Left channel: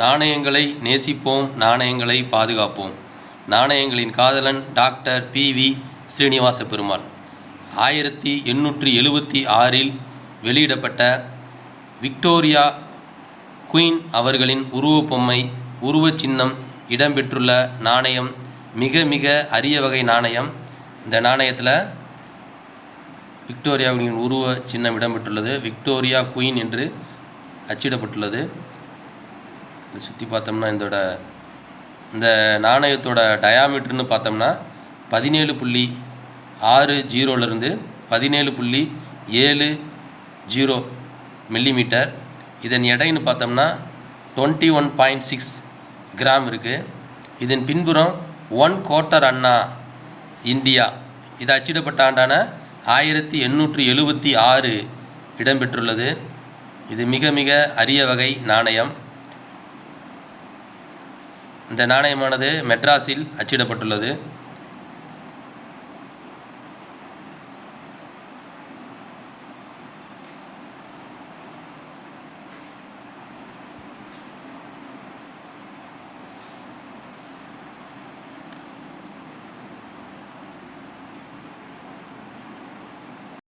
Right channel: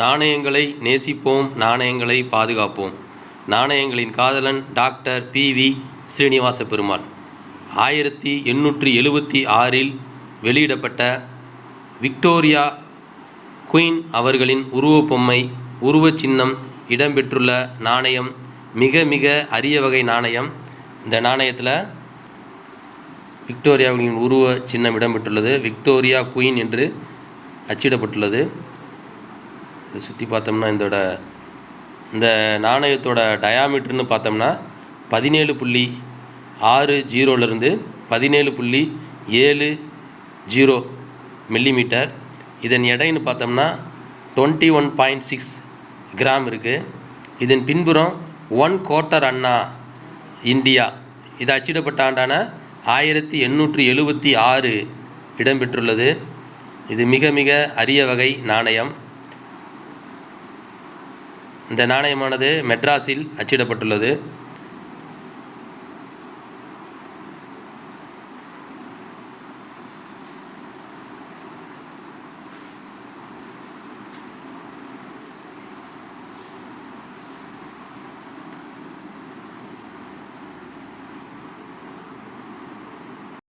நாணயங்களை நேசிப்போம், நாணயங்களை பாதுகாப்போம். நாணயங்களின் காதலன் டாக்டர் பி.வி. ஸ்ரீனிவாச பெருமாள். 1876 வெளியிடப்பட்ட விக்டோரியா குயின் அவர்களின் உருவப்பொம்மை உருவச் சின்னம் இடம்பெற்றுள்ள நாணயம் மிக மிக அரிய வகை நாணயம். இந்த நாணயத்தில் விக்டோரியாவின் உருவ சின்னம் இடம்பெற்றுள்ளது. விக்டோரியா குயின் என்று அச்சிடப்பட்டுள்ளது. சுற்றி பார்த்தோம்னா இந்த நாணயத்தோட டயாமீட்டர்னு பார்த்தோம்னா 17.60 17.70 மில்லிமீட்டர். இதன் எடைன்னு பார்த்தோம்னா 21.6 கிராம் இருக்குது. இதன் பின்புறம் 1/4 அண்ணா இந்தியா இது அச்சிடப்பட்ட ஆண்டான 1876 இடம்பெற்றுள்ளது. இது மிக மிக அரிய வகை நாணயம். இந்த நாணயமானது மெட்ராஸில் அச்சிடப்பட்டுள்ளது.